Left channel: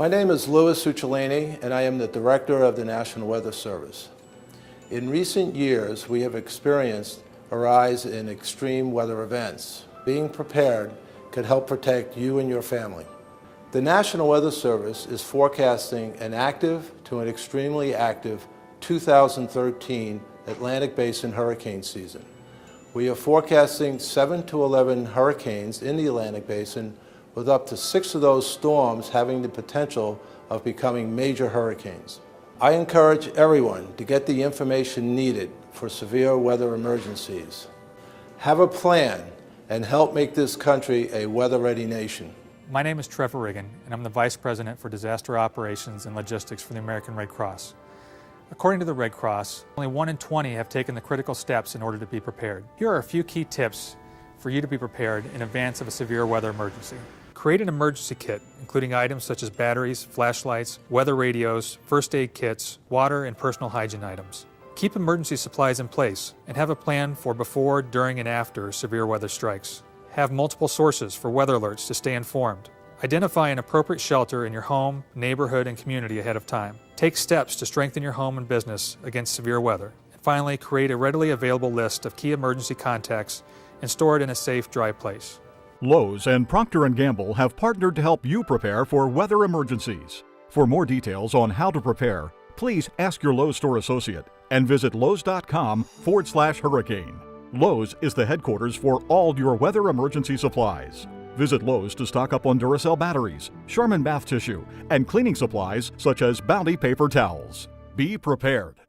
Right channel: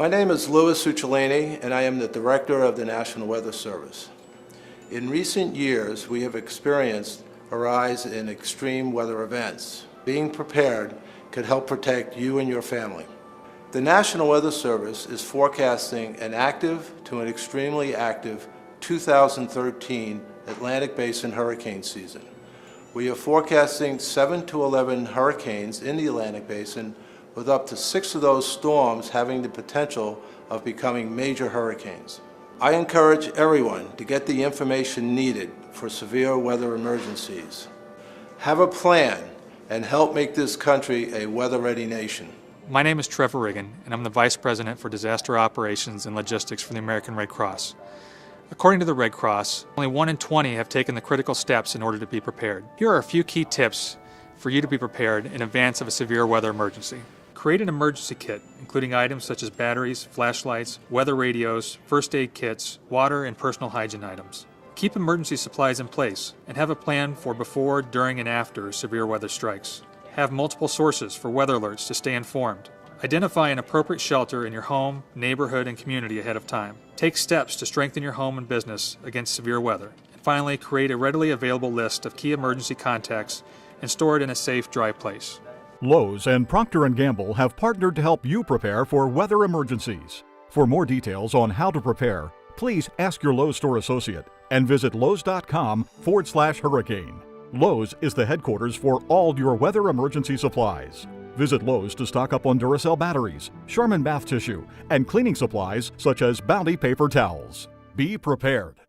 My name is Louis Uccelini, and I am the Director of the National Weather Service. In recent years, we have experienced a rise in extreme weather events. Being prepared can help protect you and your family. The National Weather Service is forecasting an active to an extremely active 2013 Atlantic Basin hurricane season. We are forecasting 7 to 11 hurricanes in the Atlantic Basin, with up to 6 of those storms having the potential of becoming major hurricanes. I encourage everyone to get the information needed for severe weather emergencies. Have a plan and help make this country a weather-ready nation. My name is Trevor Riggin, and I'm the Vice President for Disaster Operations and Logistics for the American Red Cross. According to the Red Cross, only 1 in 20 have taken the critical steps in order to be prepared. Here are a few key tips for you to be prepared in advance of a severe weather emergency. Create an emergency kit, including items such as batteries, flashlights, weather radios, first aid kits, water, and personal hygiene items. Keep emergency supplies in place and have a plan for before, during, and after severe weather strikes. Have multiple sources for weather alerts to stay informed. Identify an appropriate shelter in your home, neighborhood, and community ahead of time. Take steps to strengthen your home and business against severe weather. And finally, create a readily available list of key emergency contacts and store it in a safe, dry place. Lowe's and Procter & Gamble have partnered to help you prepare for weather emergencies. For more details on how to prepare, please ask your Lowe's store associate and visit lowes.com/hurricane. Lowe's is the headquarters for all your weather emergency supplies. Visit Lowe's to stock up on Duracell batteries, Charmin bath tissue, and cleaning supplies such as Bounty paper towels. Be prepared.